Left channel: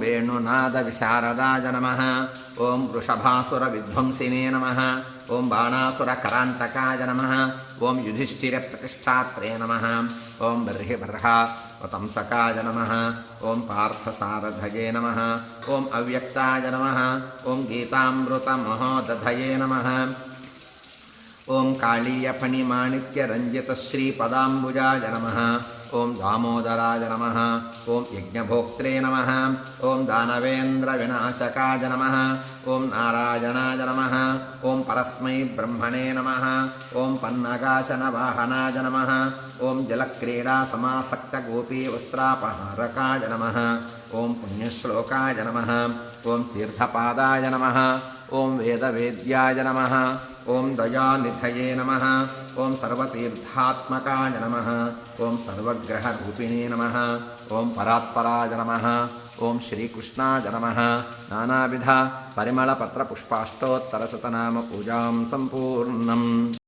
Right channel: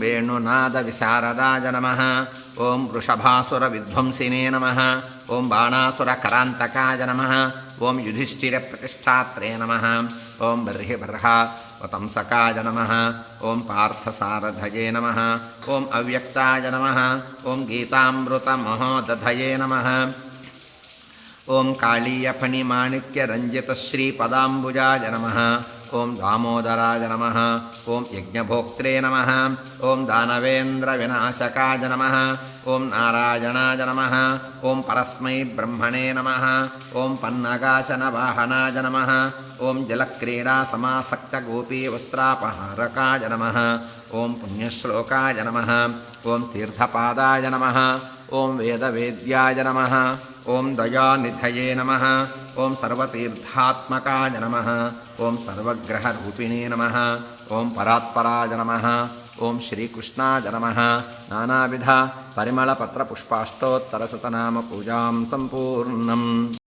वेणुनादविशारदाय नमः ॐ वृषभासुरविध्वंसिने नमः ॐ बाणासुरकरान्तकाय नमः ॐ युधिष्ठिरप्रतिष्ठात्रे नमः ॐ बर्हिबर्हावतंसकाय नमः ॐ पार्थसारथये नमः ॐ अव्यक्ताय नमः ॐ गीतामृतमहोदधये नमः ॐ कालीयफणिमाणिक्यरञ्जितश्रीपदाम्बुजाय नमः ॐ दामोदराय नमः ॐ यज्ञभोक्त्रे नमः ॐ दानवेन्द्रविनाशकाय नमः ॐ नारायणाय नमः ॐ परस्मै ब्रह्मणे नमः ॐ पन्नगाशनवाहनाय नमः ॐ जलक्रीडासमासक्तगोपीवस्त्रापहारकाय नमः ॐ पुण्यश्लोकाय नमः ॐ तीर्थपादाय नमः ॐ वेदवेद्याय नमः ॐ दयानिधये नमः ॐ सर्वतीर्थात्मकाय नमः ॐ सर्वग्रहरूपिणे नमः ॐ परात्पराय नमः ॐ श्रीकृष्णाय नमः नानाविध परिमलपत्रपुष्पाष्टोत्तरशतनामपूजां सम्पूर्णम्।